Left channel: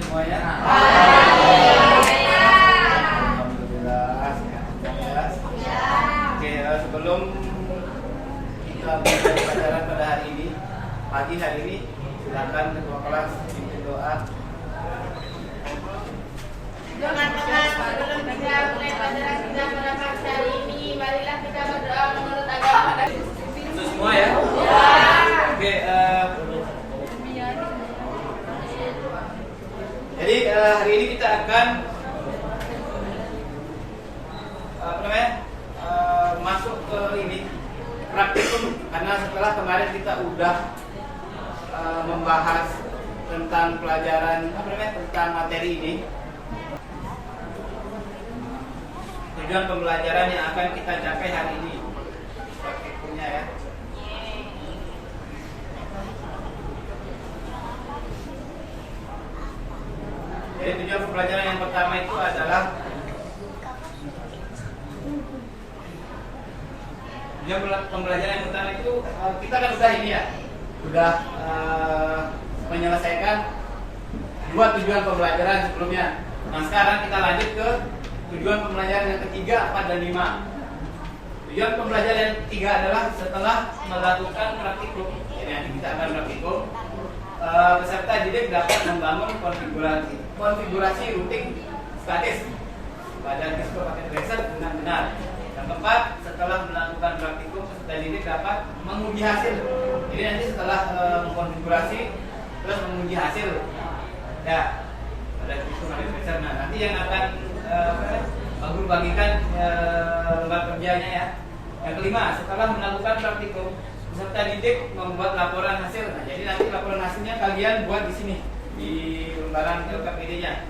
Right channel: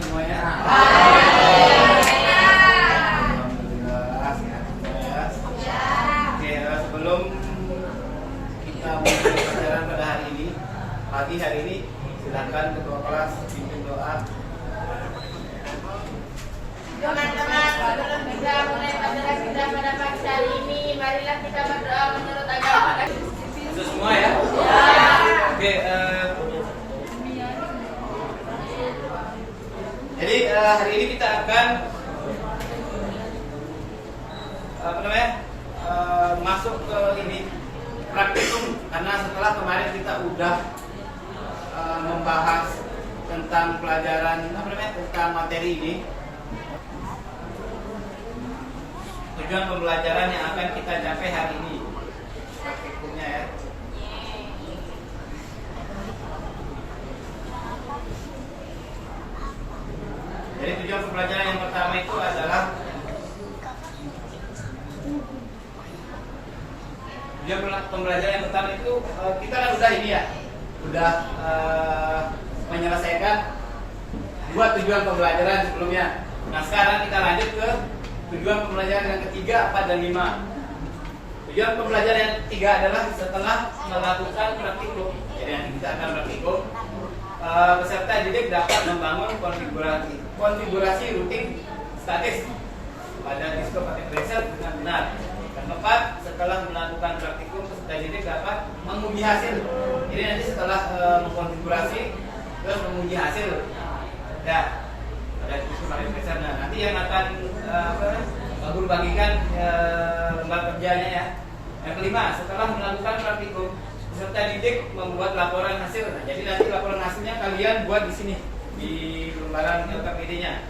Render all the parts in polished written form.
semuanya? Alhamdulillah sehat semuanya. Oke, sebelum kita mulai pelajaran pada hari ini, pagi hari ini, silakan ketua kelas pimpin doa. Teman-teman, sebelum kita mulai pelajaran kita pada pagi hari ini, marilah kita berdoa menurut agama. Itu semua ya? Oke, jadi hari ini kita akan masuk ke ini praktikum, karena setelah kemarin kita udah membahas tentang pelajaran tentang materi ini, tujuan pembelajaran yang akan kita capai hari ini praktikumnya ya. Jadi tujuan pembelajaran yang pertama itu adalah kita kan udah ini ya, udah menyelesaikan dua tujuan pembelajaran sebelumnya. Nah sekarang kita lanjut ke tujuan pembelajaran yang ketiga, 4 dan 5. Tujuan pembelajaran yang ketiga adalah setelah melakukan praktikum. Jadi nanti kita akan praktikum, peserta didik dapat membangun konfigurasi routing statis pada disk paket tracer dengan benar. Yang keempat, setelah melakukan praktikum, peserta didik dapat menguji hasil. Jadi nanti setelah mengkonfigurasi terus menguji hasil, ya pada disk paket tracer. Nah nanti yang akan guru bagikan lembar kerjanya ya. Yang kelima, setelah melakukan praktikum, peserta didik membuat laporan hasil. Nah, jadi nanti laporan hasilnya kalian buat di sini di lembaran LKPD-nya.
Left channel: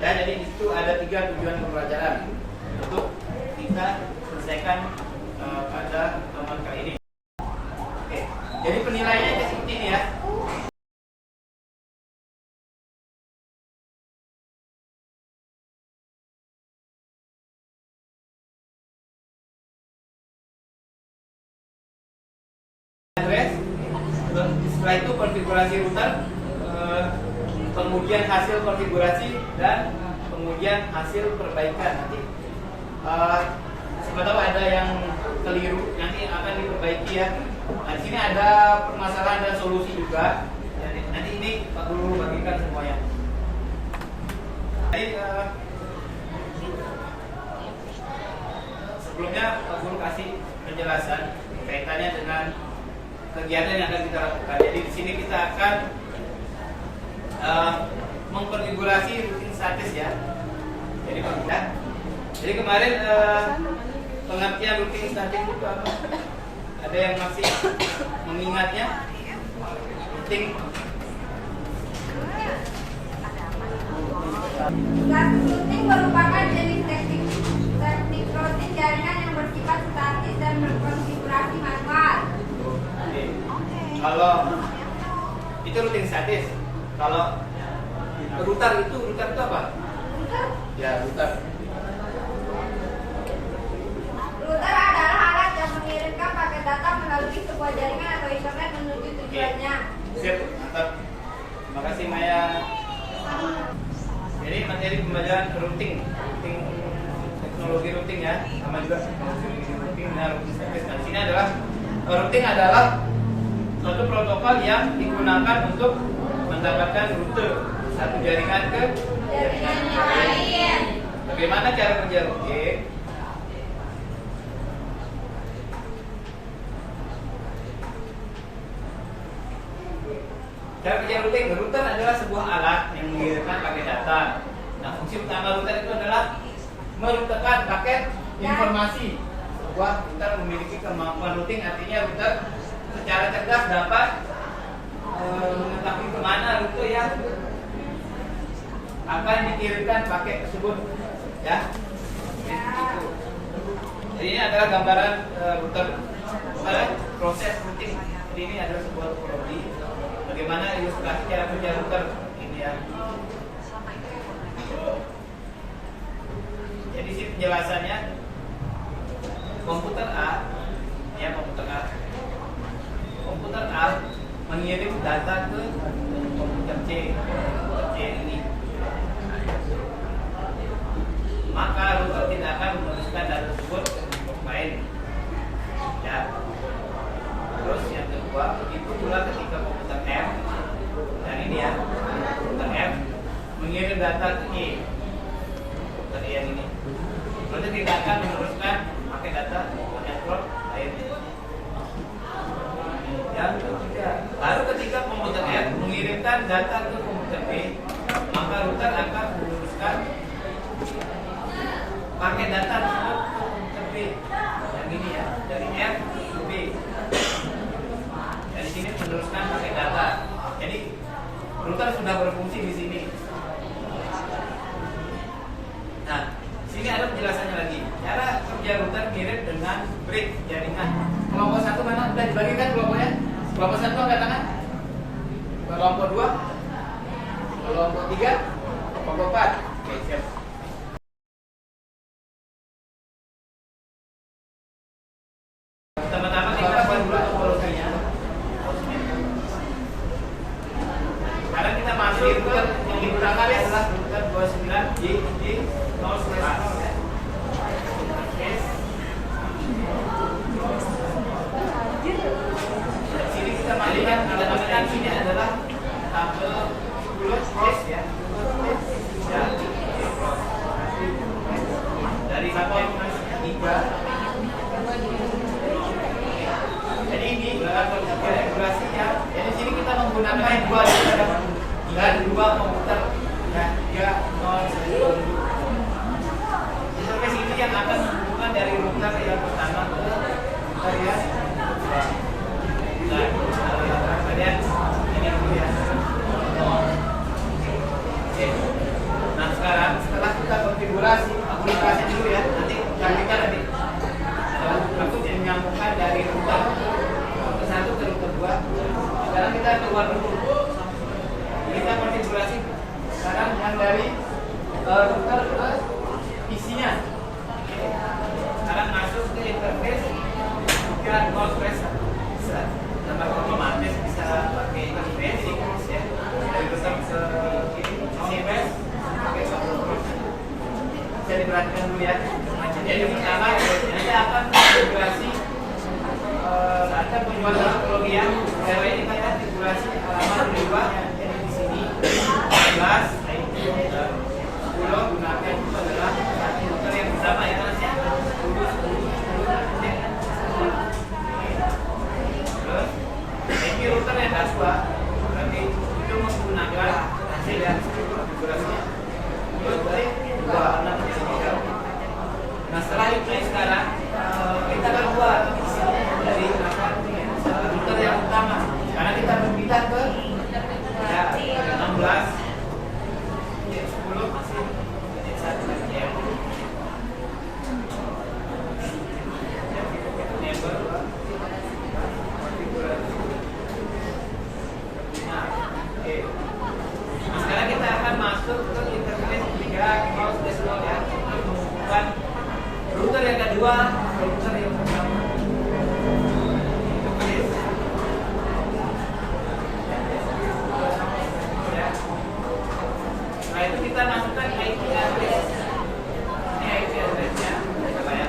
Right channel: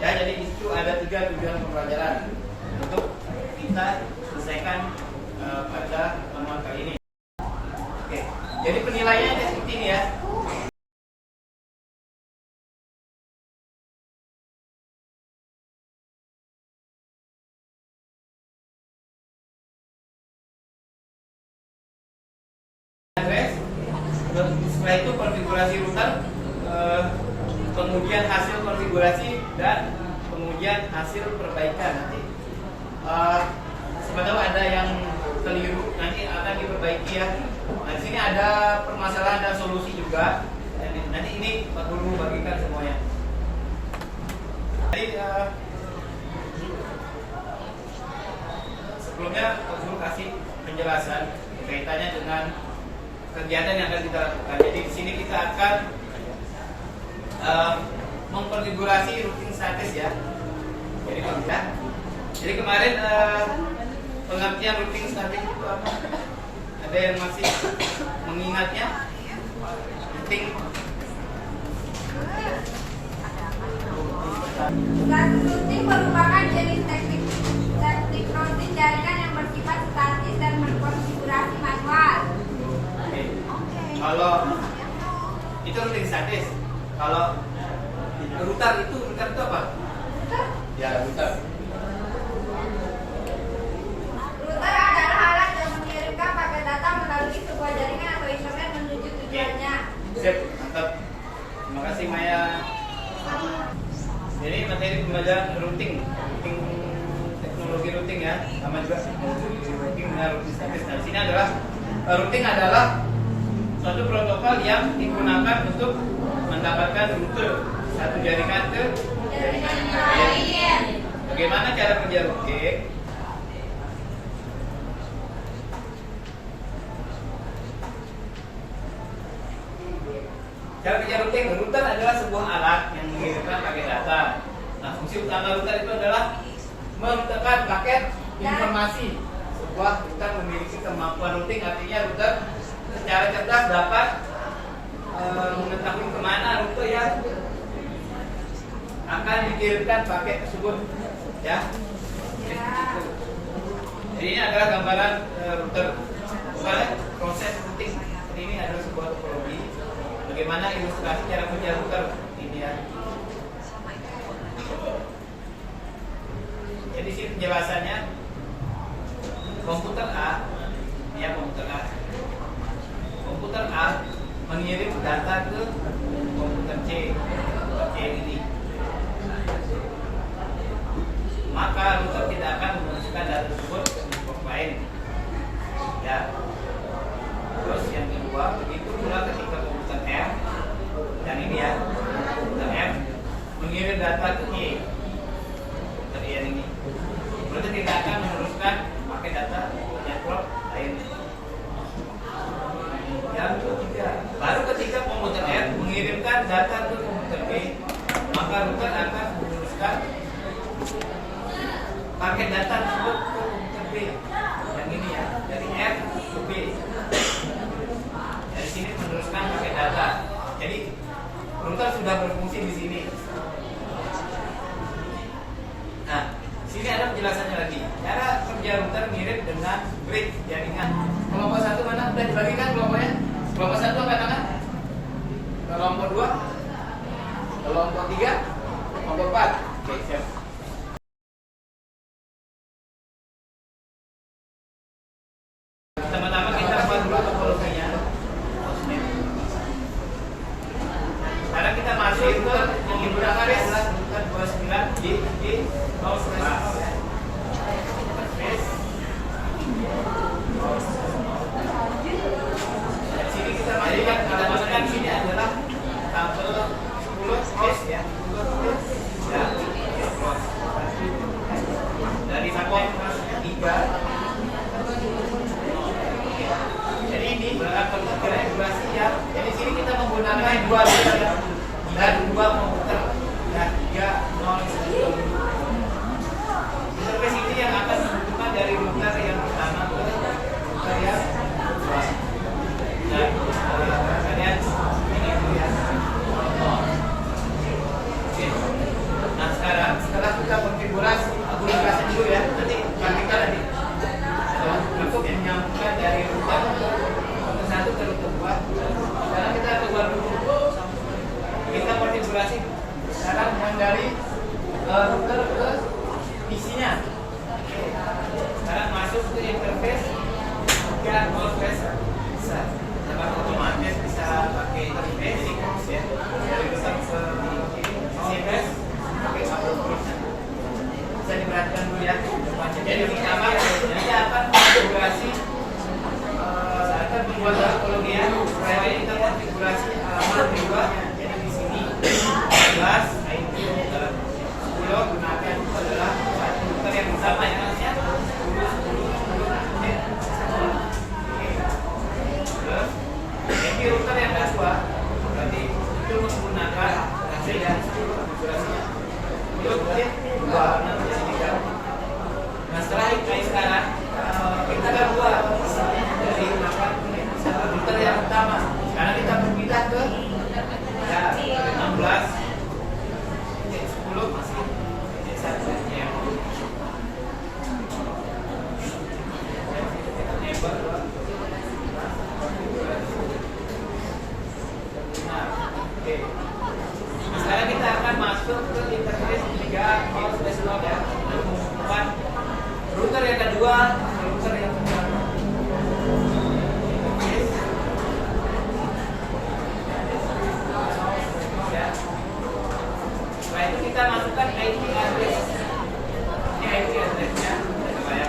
Ya, jadi itu ada 3 tujuan pembelajaran untuk kita selesaikan pada nomor kali ini. Oke, jadi penilaiannya seperti ini ya. Setelah itu konfigurasi router, pengujian hasil konfigurasi dan pengujian hasil perbaikan nanti. Sebetulnya ada yang keliru nanti akan diperbaiki ya. Nah, di sini ada permasalahan dan solusi juga. Jadi, nanti ini Pak Guru bagikan semuanya. Jadi sebelumnya Pak Guru kasih penjelasan kaitannya dengan kegiatan yang akan kita lakukan. Jadi di sini kita akan mengkonfigurasi routing statis ya. Jadi kemarin pengertian routing statis itu apa? Ada yang masih mengingatnya? Routing statis routing merupakan jenis teknik routing jaringan yang bersifat statis dan berkonfigurasi manual. Kalau itu routing statis, kalau router itu apa? Ya, router. Router adalah alat yang mengirimkan paket data melalui sebuah jaringan atau internet menuju tujuannya. Siap, mantap. Terima kasih Maya. Ini materi pembelajaran routing teknologi routing ya, sama juga teknologi routing dan routing statis. Nah, di sini adalah routing adalah suatu protokol yang digunakan untuk mendapatkan rute satu jaringan ke jaringan lain. Bagaimana cara kerja routing? Cara kerja routing, router adalah sebuah alat yang mengirimkan paket data. Nah, fungsi utama router itu adalah merutekan paket informasi. Sebuah router memiliki kemampuan routing, artinya router secara cerdas dapat mengetahui kemana rute yang akan dikirimkan paket tersebut ya. Jadi ini adalah gambaran router. Proses routing ini adalah sebuah topologi. Bagaimana ilustrasi cara kerja router ini ya. Jadi sini penjelasannya, komputer A mengirim data ke komputer C. Komputer C ini 2, begitu pula ketika komputer F dan ini ya, komputer F mengirim data ke E, komputer E yang ini. Berarti tidak akan meneruskan pakai data network lain. Yang ketiga, baru ketika komputer F mengirimkan data ke komputer B, maka router akan meneruskan pakai data tersebut ke komputer B. Yang ini ya, dari F ke B. Dari sini meneruskan pakai data. Jadi router sudah berfungsi di sini. Nah, sini ada penjelasannya lagi. Cara kerja router mirip dengan bridge jaringan. Kelompok 1 mana? Sudah dibagikan kelompoknya? Kelompok 1 angkat tangan. Kelompok 2. Kelompok 3. Kelompok 4. Oke, siap. Pertama-tama kita buat dulu topologinya. Sekarang kita masuk ke yang digunakan adalah router 29G0/0 ya. Sini kita masukkan, kita masukkan sini adalah tabel 10 base ya. Ya, dari support 3. Jadi ini konfigurasi ya. Jadi sini kita menggunakan 2 router dan 2 komputer dan 3 non-serial. Interface ini yang akan menghubungkan dari router yang pertama ke router yang kedua. Nah, kemudian ini dulu ya. Oke. Nah sekarang setelah kita konfigurasi, aku jelasin dulu ya. Nanti kita nanti untuk menyambungkan dari router ke 1 ke router 2. Sekarang kita keluar dulu. Kita konfigurasi sekarang yang dari router ke PC-nya. Sekarang masuk ke interface 3.0/1. Bisa dapat otomatis, bisa pakai interface ini ya. Dari router ke CPS pakai router. Bisa diperhatikan dulu ya. Jadi pertama kita akan konfigurasi akan membuat topologi ya. Supaya kita konfigurasi alamat riwayatnya. Jadi di sini 11 10 gunakan itu adalah satu router yang sama ya kan ya. 10 ini router yang kedua berarti itu menggunakan AC dan konfigurasinya. Nah setelah itu sekarang kita keluar dari router yang utama. Karena kita berpindah ke ya 16, 10 masih satu ya. Nah, oke. Nah, sekarang kita akan masuk ke interface 3.0/0 ya. Menghubungkan router yang kedua ke router yang pertama. Setelah itu kita masukkan IP address. Ini IP address-nya. Coba ya.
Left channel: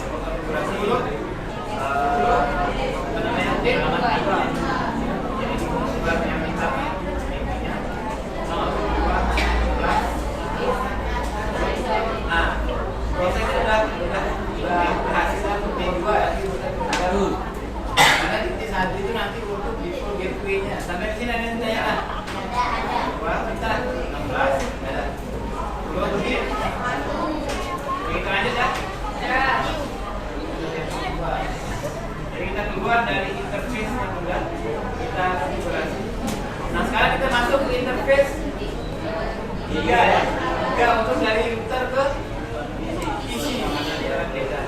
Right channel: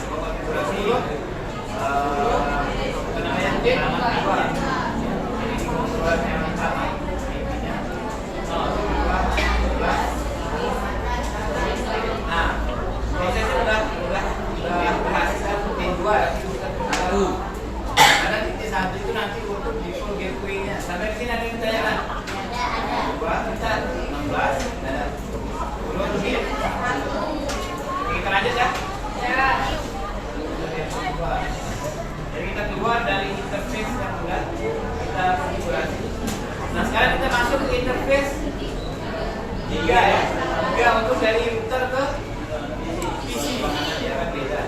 Coba konfigurasi. Apa namanya? Alamat IP. Jadi di konfigurasi yang pertama IP-nya 0.2.11. Nah, prosesnya sudah berhasil titik 2 ya. Baru. Karena titik 1 itu nanti untuk di full gateway-nya. Sampai di sini ada yang ditanyakan. Kita 16 dan 10 lebih. Kita lanjut ya. Jadi kita keluar dari interface yang sudah kita konfigurasi. Nah sekarang kita masuk ke interface 3 ya. 3 untuk dari router ke PC. Nanti akan beda.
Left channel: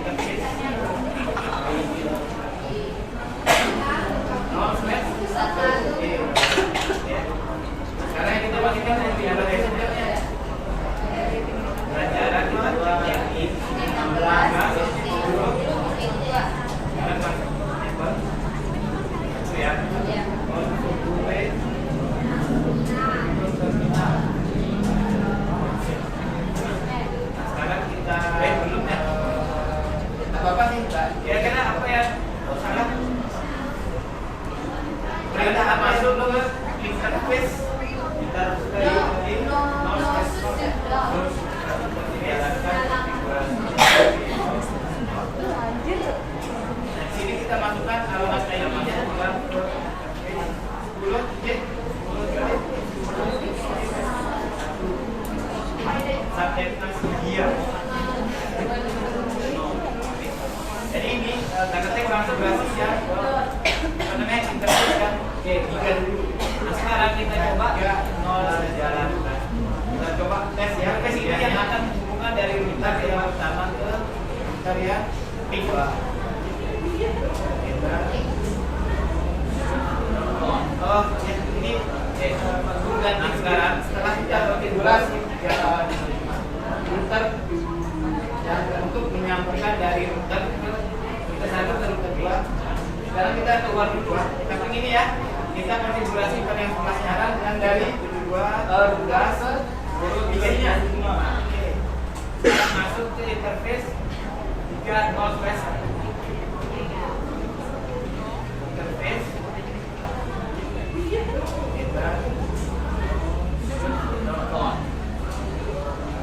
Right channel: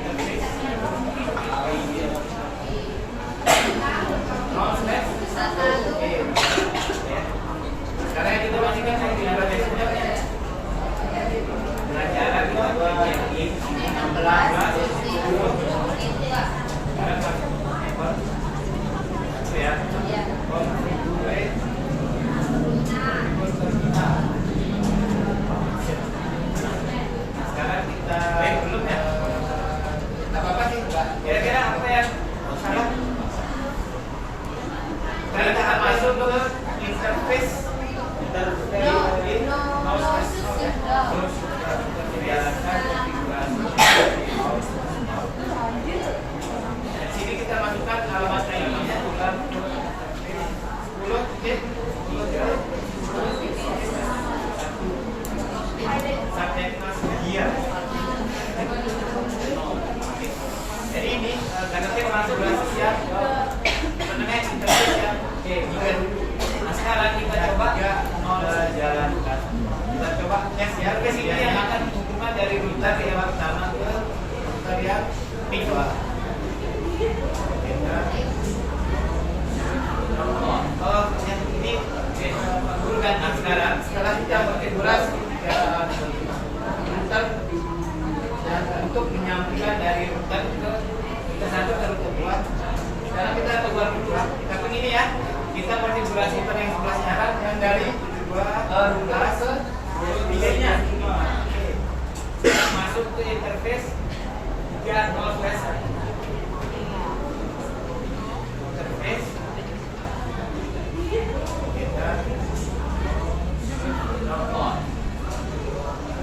Interface. Sekarang kita masukkan di interface-nya. Dengan jarak kita buat yang ini 16, 10. Sekarang masuk network. Ya. Configure. masuk ke interface sini kita masukkan alamat ID-nya bukan 10 subjektas dia. Jadi ini data tag langsung berarti ya mengenai interface ya. Oke, jika dulu. Nah sekarang kita coba jalankan. Kita coba tes ya. Tes ini yang akan menghubungkan dari router yang pertama ke router yang kedua. Oh, yang ini Pak Guru ganti sekarang. Setelah kita konfigurasi 3 router yang untuk menyambungkan dari router ke satu ke router dua. Sekarang kita keluar dulu. Kita ke ini ya. Kita konfigurasi pada yang sebelah kanan yang dari 72 ke 3 nya. Sekarang masuk ke interface 3 northwest. Interface kita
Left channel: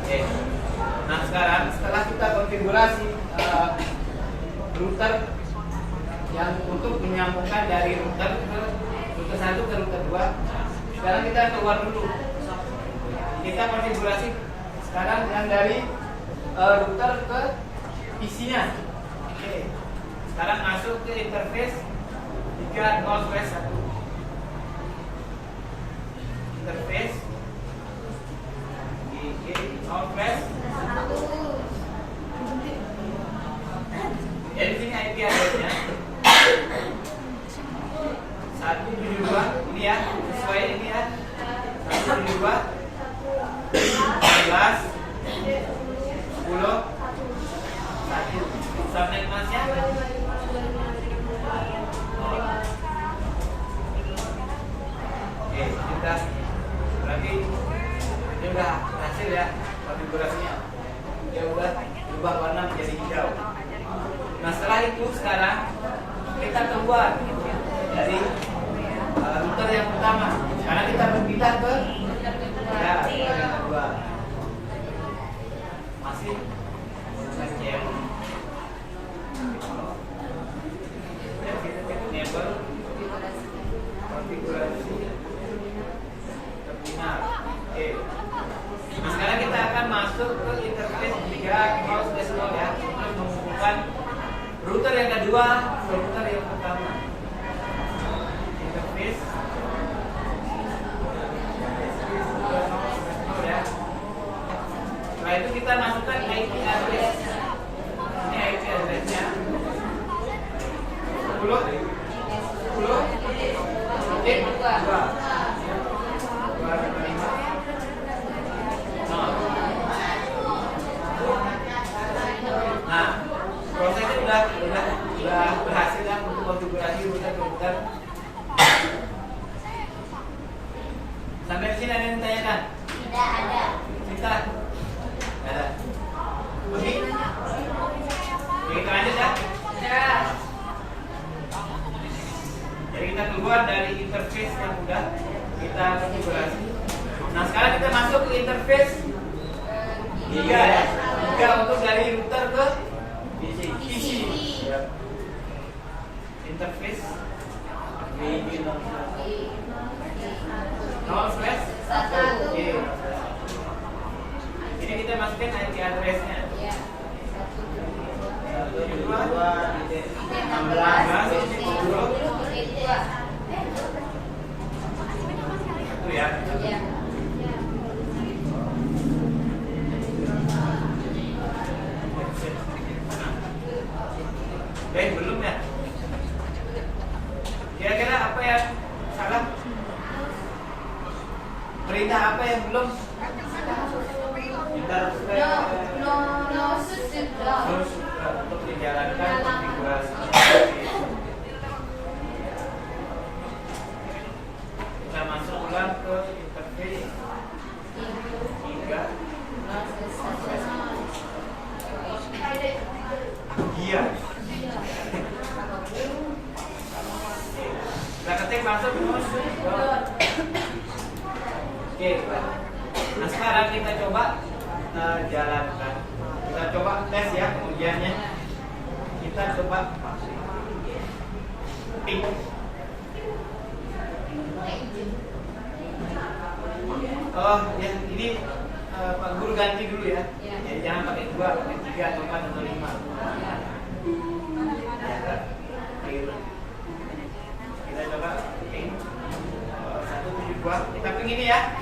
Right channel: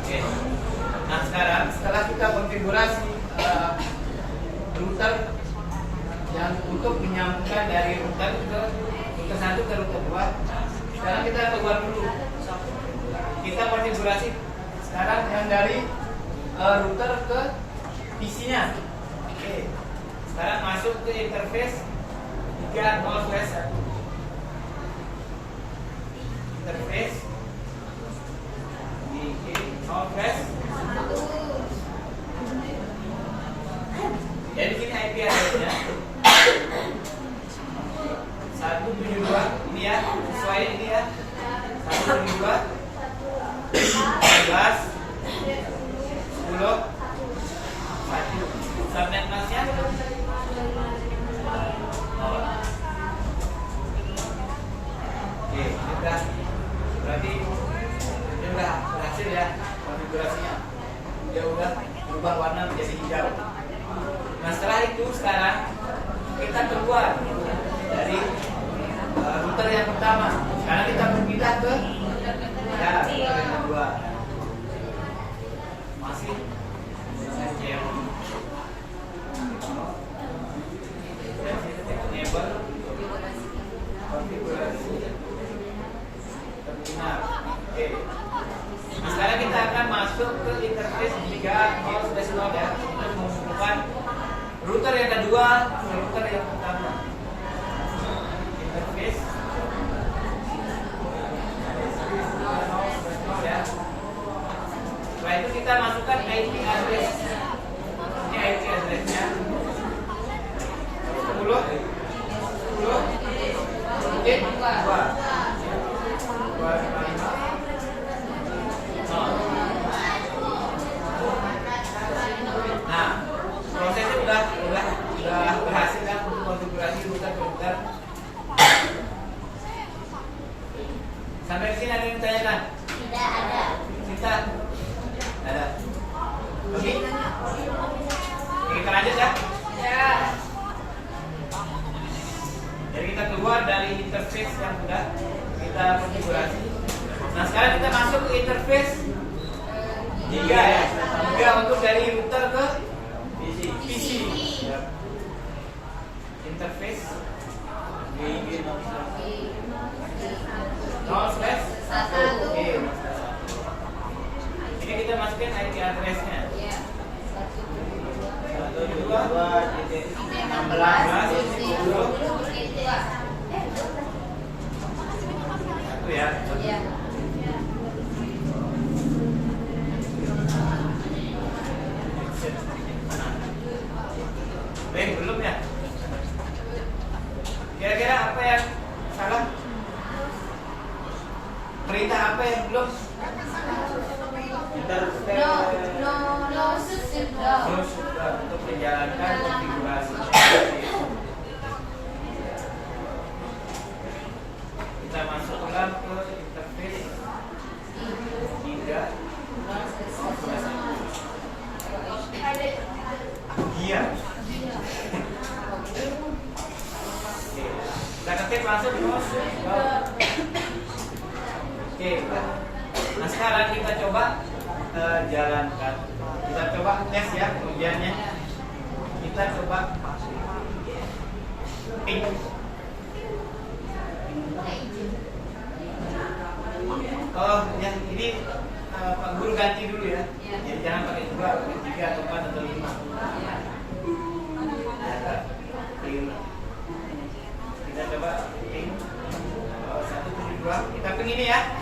Oke. Nah sekarang setelah kita konfigurasi router yang untuk menyambungkan dari router ke router 1 ke router 2, sekarang kita keluar dulu. Kita konfigurasi sekarang yang dari router ke PC-nya. Oke. Sekarang masuk ke interface 3 northwest 1. Interface northwest. Ya di sini IP address-nya 172 ini ya, sesuai ini ya. 172 11 10 1. Subnet mask-nya Oke, sudah. Berarti dia udah berhasil ya konfigurasinya. Dia udah berubah warna menjadi hijau. Nah setelah itu sekarang kita keluar dari router yang pertama. Sekarang kita berpindah ke router yang kedua. Masih dengan jam. Dan kita cek enable konfigurasi terminal. Oke. Nah sekarang kita akan masuk ke interface 3 northwest ya untuk menghubungkan router yang kedua ke router yang pertama. Interface ya. Setelah itu kita masukkan IP address. Ini IP address-nya 10 Nah, prosesnya udah berhasil ya untuk konfigurasi router. Sampai di sini ada yang ditanyakan? Tidak ada. Sita? Ada. Oke. Kita lanjut ya. Ya. Jadi kita keluar dari interface yang udah kita konfigurasi. Nah sekarang kita masuk ke interface 3 ya. 3 untuk dari router ke PC. Interface northwest 1. Oke. Ini kita masukin IP address-nya. Ya. 1 ya. Ya. Baik, belum ya? Kira-kira apa yang salah? Perintah apa yang belum? Terus untuk menjalankan konfigurasi. Kita masuk ulang ke interface 3. Iya. Kita ketik langsung masuk ke kita coba jalankan. Kita coba tes ya ujiannya. Kita coba pink. Oh, yang ini Pak Guru ganti dulu ya. Jadi jangan pakai 2, pakai 3 atau 4 atau 5. Ya kan? Biru. Kita coba pink. 172. Kita pink ini ya.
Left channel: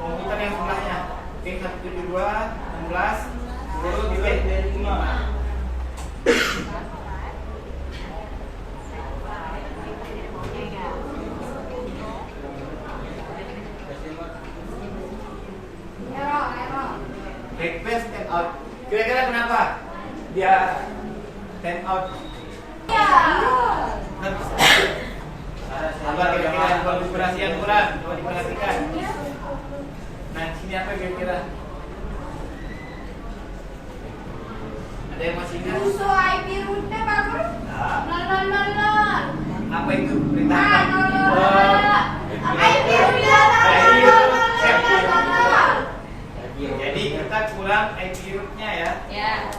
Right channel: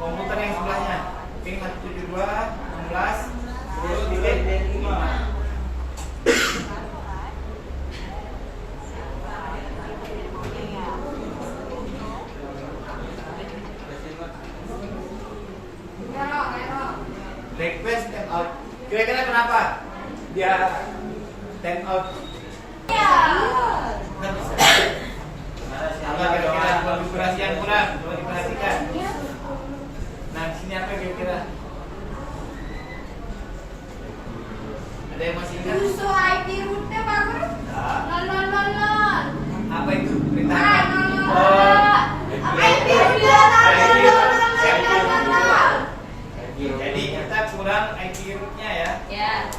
Komputer yang sebelahnya. Pink 172, 16, 10, titik 5. Request time out. Kira-kira kenapa dia time out? Nggak bisa. Apa kira-kira konfigurasi yang kurang? Coba diperhatikan. Nah, di sini apa kira-kira? Ada yang masih ingat? Uso IP rootnya bagus. Nah, apa itu? Perintah apa? Jadi kita kurang IP rootnya ya. Ya.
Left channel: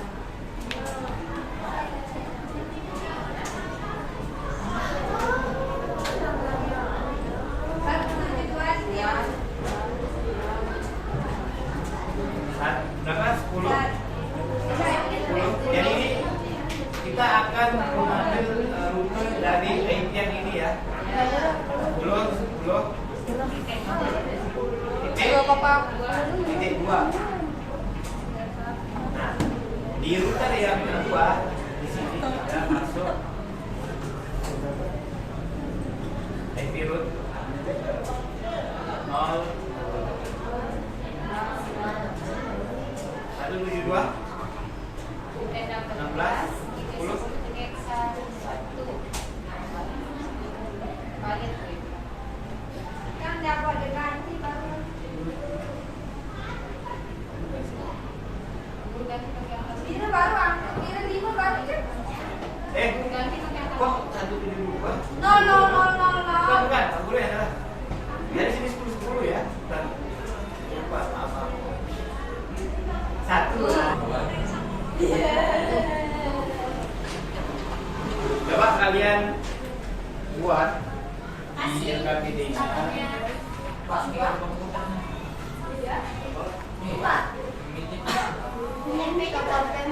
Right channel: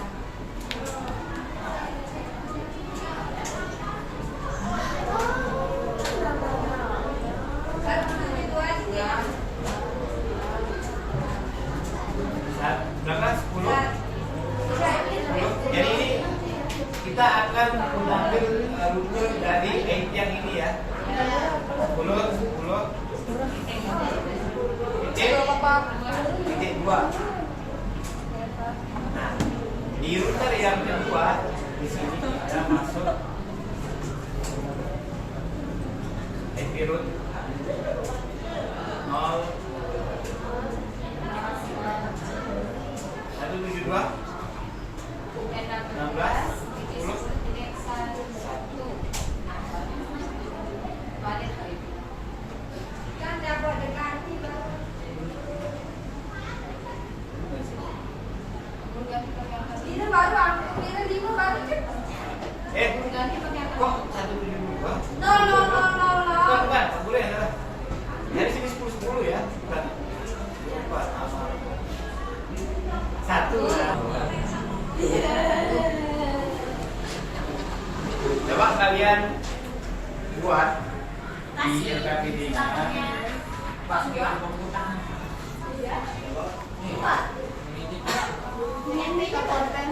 Berapa? 10? 10. Jadi ini kita akan mengambil rute dari IP yang ini ya. 10, 10. Titik 2. Nah, di router yang kedua di sini kita masuk IP root 0 172 16 10 Kan dia buat ganti ini baru aku kira 5 baru kan? kok 172? No. Bukan, Pak Guru yang salah. Dari sini 10 ya, bukan. Lupa, apa? 1. Coba kalian buat di LKPD-nya. Ini ke pulpen.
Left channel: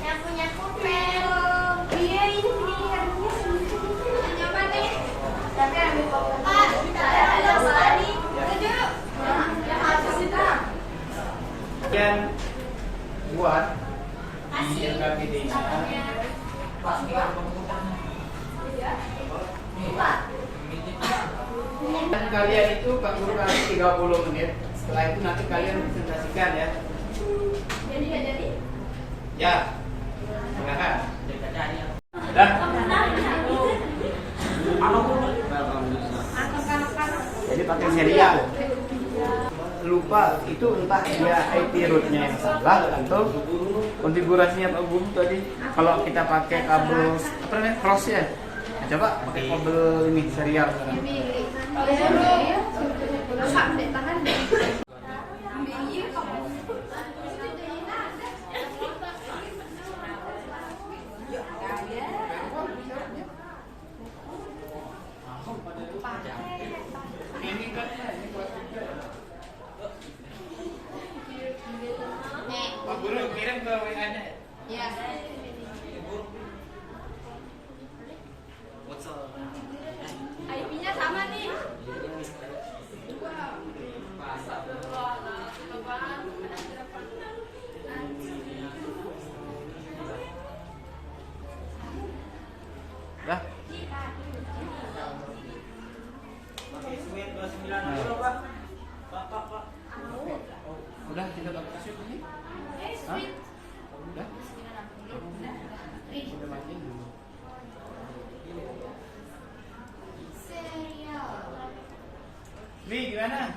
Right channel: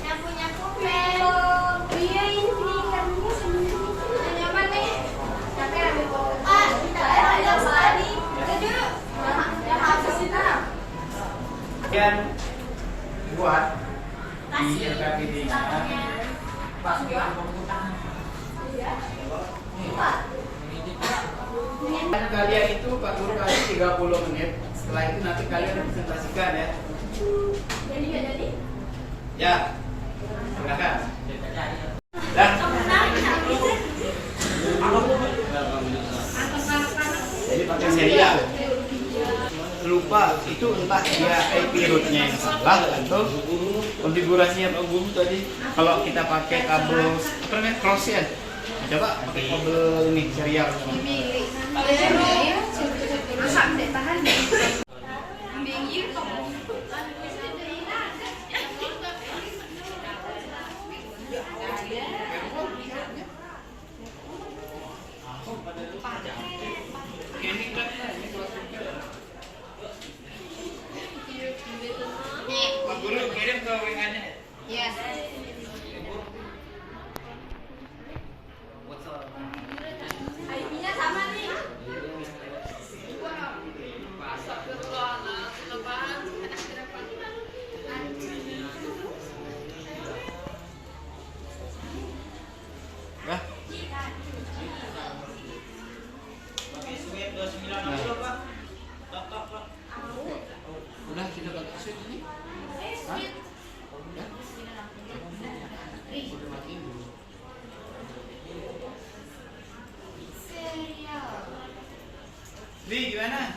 Yang punya pulpen. Iya ini pilihannya sendiri. Yang apa nih? Tapi ambil pulpen. Ada sekali. Yang habis itu. Kalian buat di LKPD-nya. Dan kalian itu Pak Guru kasih 30 menit. Setelah itu nanti kalian presentasikan ya. Jadi nggak jadi? Ya, silakan. Dah. Jadi pakai serial. Lupa itu entah dia IP rootnya yang salah atau konfigurasinya Pak Guru tadi. Kalau kita pakai kabel apa namanya cross ya. Nah, coba pakai kabel ini serial sekarang. Sampai tahan. Pak Guru kirim ke WA-nya ya. Yes. IP-nya sama nih. Dah. Udah kita pakai suit ini. Hah? Udah. Li gimana?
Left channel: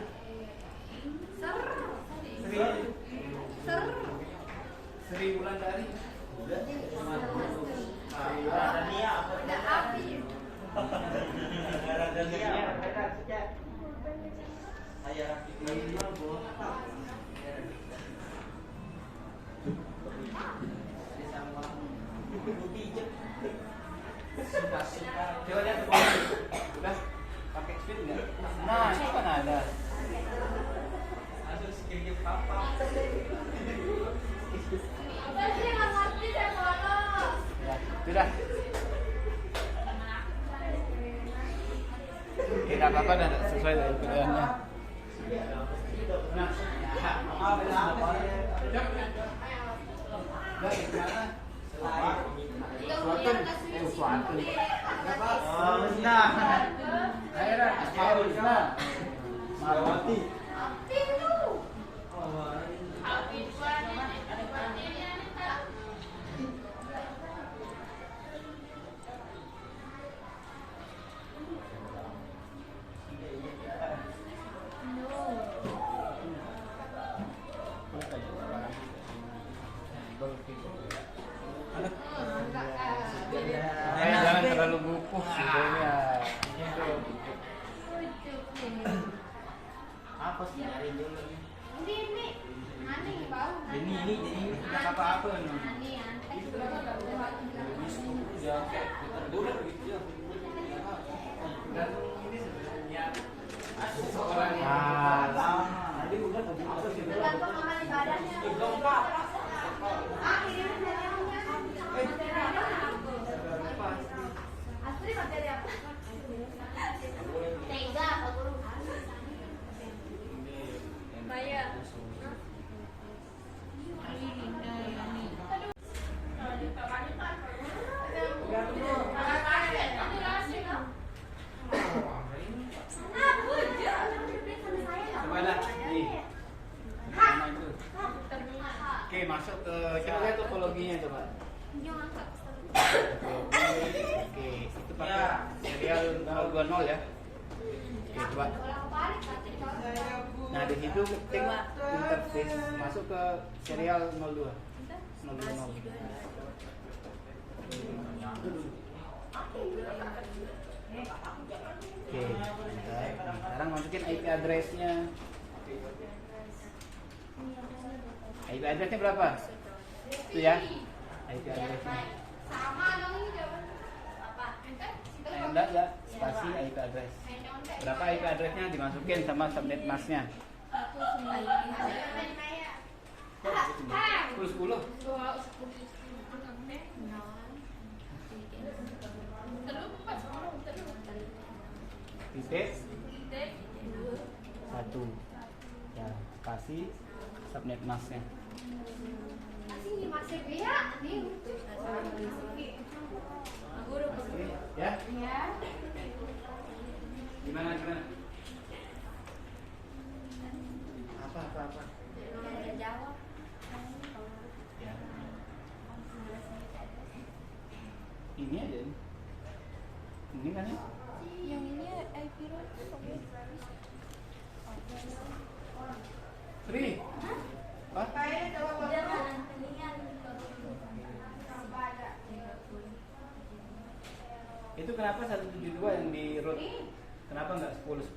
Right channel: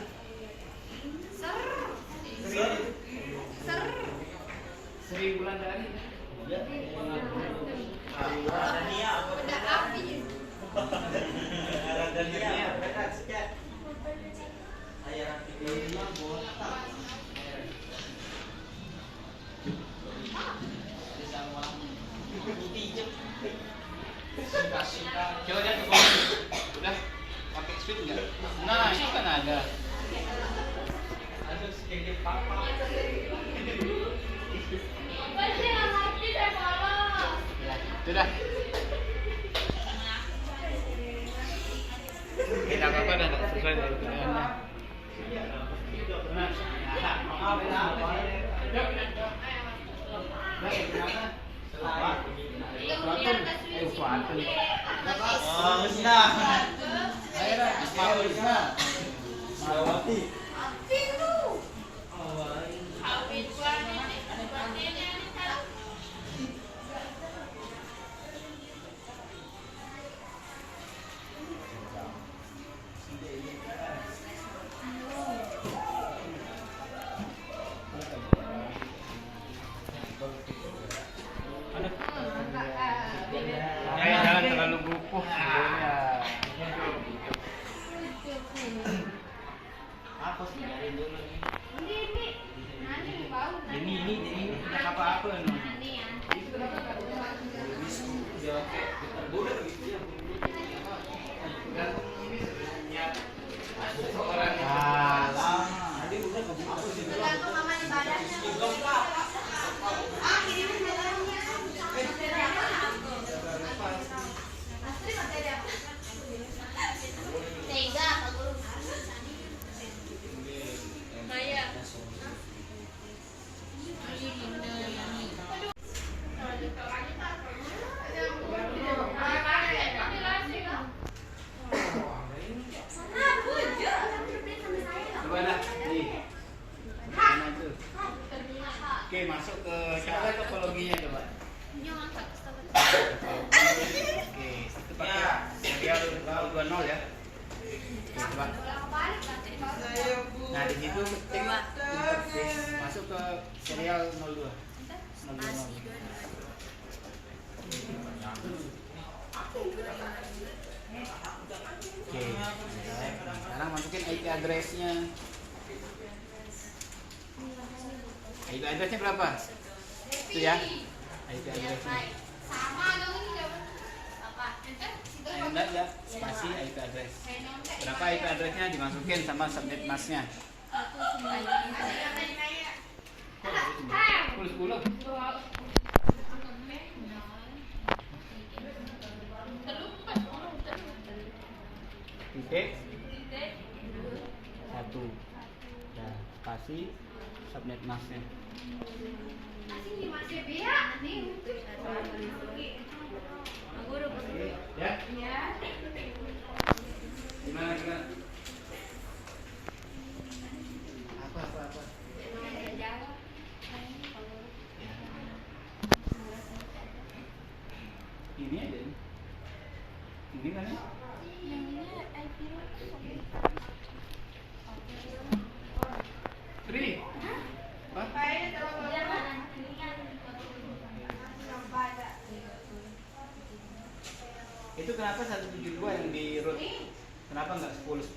Seri bulan dari. Udah api. Coba lihat ke bawah. Udah pakai switch nggak? Nah, itu kan ada. Ya, sudah. Tidak apa-apa dah, sesuai dari pilihannya. Oh, nah. Ayo dah, mau nah. Malawati. Jangan terlalu bukuh sebenarnya. Apa sih nyariin dulu nih? Ini tidak apa-apa no. Ya oke, boleh gitu ya. Seorang kalah. Tadi udah kebuka sih. Tergantung sama ibadahnya. Ini materi apa? Astri materi apa? Tega, Pak Guru. Maya. Coba dah, nih. Mana itu? Oke, masuk ke coba lihat topologinya coba. Oke, itu pakai serial 020 ya. Oke, coba. Nah, di situ ketik interface masuk ke serial 02. 020. Oke, sekarang masukin IP address-nya. IP address-nya berapa? Itu ya, IP address-nya. Sama dong ini coba. Apa? Enggak ya, spasi IP address. Berapa IP address-nya dimasukin sama subnet mask-nya. 10. Titik 1. Ya, spasi subnet mask-nya. Masih biar nih. Ya, Ya. gimana? Apa? Jawab. Ya. Ini aja. Ini kan ya? Yang ini IP Tri. Hah? Itu kenapa 172 yang di root? Kenapa nggak 10?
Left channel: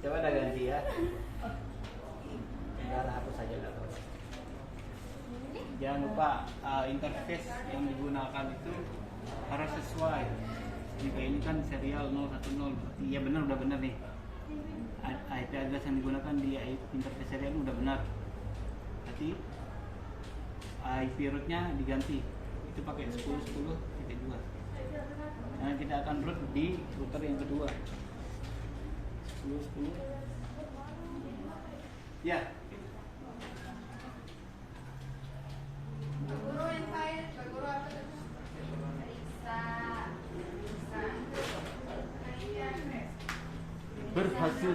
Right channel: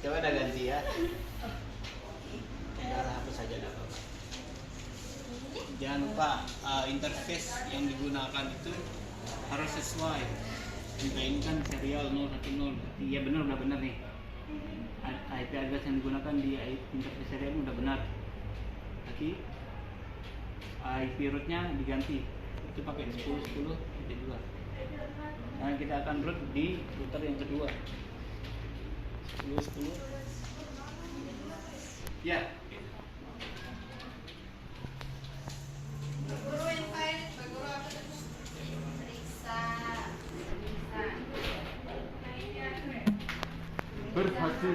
Coba ada ganti ya. Udah hapus saja nggak apa-apa. Jangan lupa interface yang digunakan itu harus sesuai. Jika ini kan serial 010, berarti ya benar, udah benar nih. IP address yang digunakan di interface serial udah benar. Tapi IP rootnya diganti, itu pakai 10.10.2. Nah, kita akan root di router yang kedua 10.10. Ya. Guru yang kain, guru apa terus? Periksa. Berhasil.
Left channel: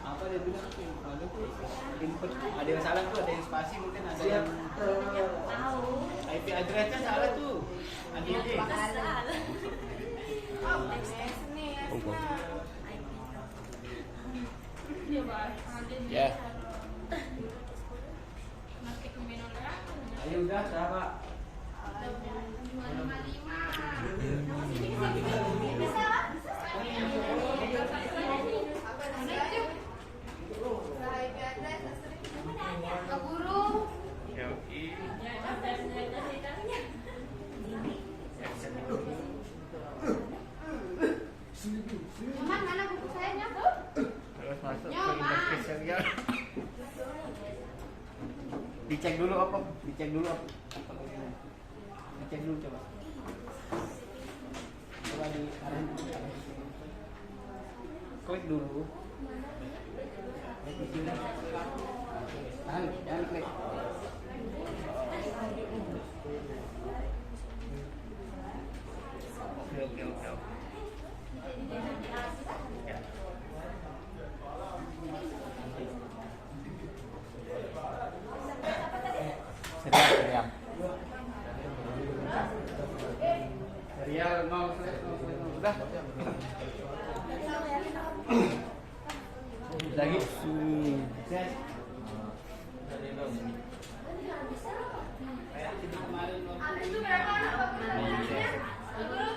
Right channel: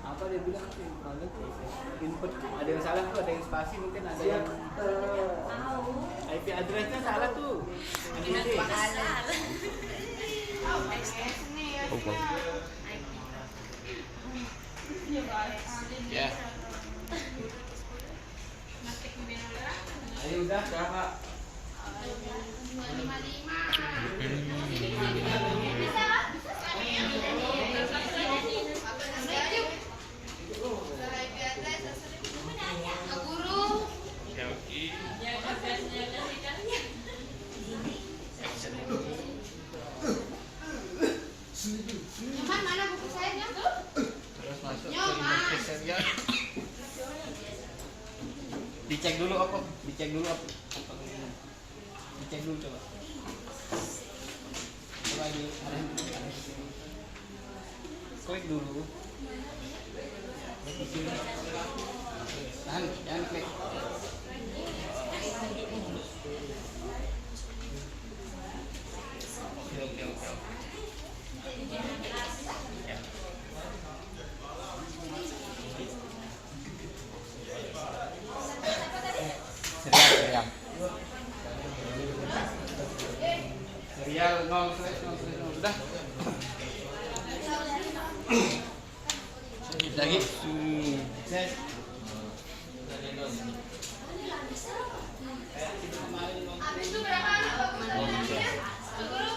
Apa dia bilang? Ada tuh input, ada yang salah tuh, ada yang spasi mungkin ada yang IP addressnya salah tuh. Ya. Ayo udah siapa? Dicek dulu apa? Dicek dulu apa? Dicek dulu coba. Coba di klik dulu. Klik di sini. Tahan, jangan klik. Oke. Serial 0 sudah. Lagi. Sukses. Habis itu berapa anak Pak Guru namanya? Pak Guru?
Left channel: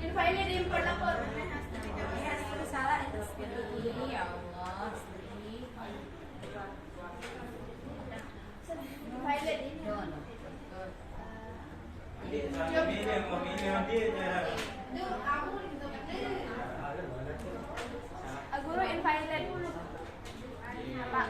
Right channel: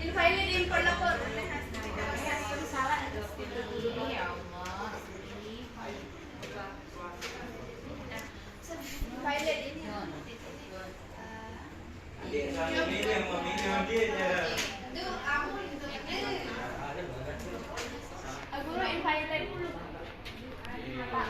Invalid import lapor. Salah. Ya Allah. Invalid ini. Tuh, kamu Guru invalid dulu. Apa?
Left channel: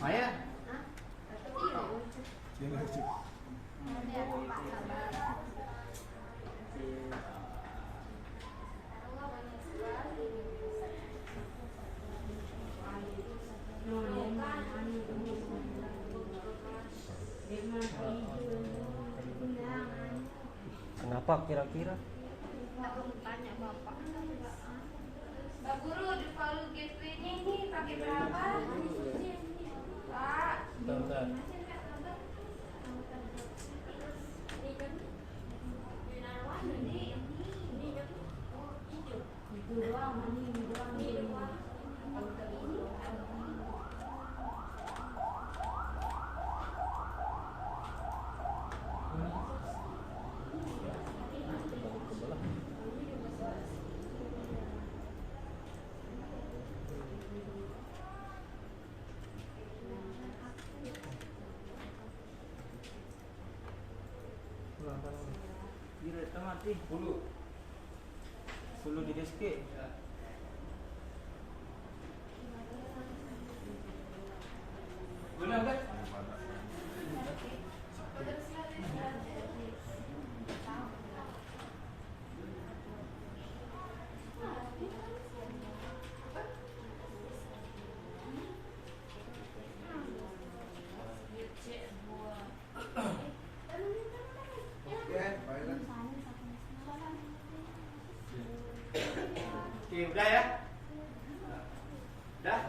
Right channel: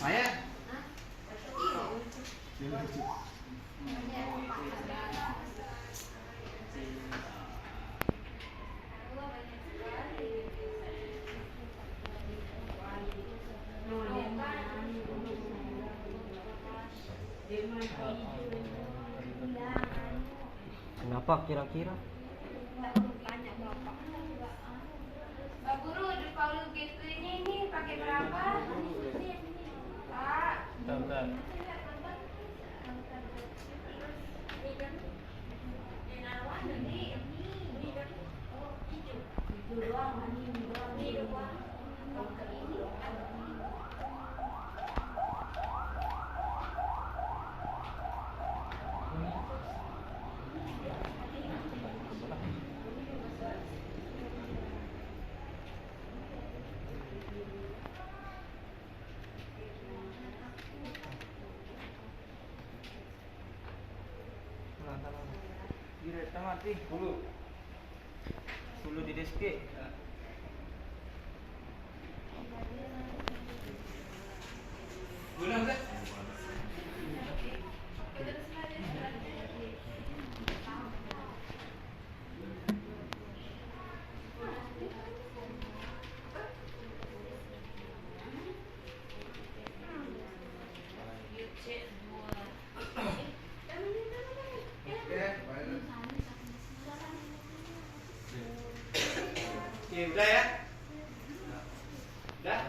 Maya. Kenapa kira-kira? Pak Guru, di Paulus gitu ini pakai berapa? Pak. Bentar. Direknya mati dulu di diski. Guna udah. Oke, udah ya? Udah?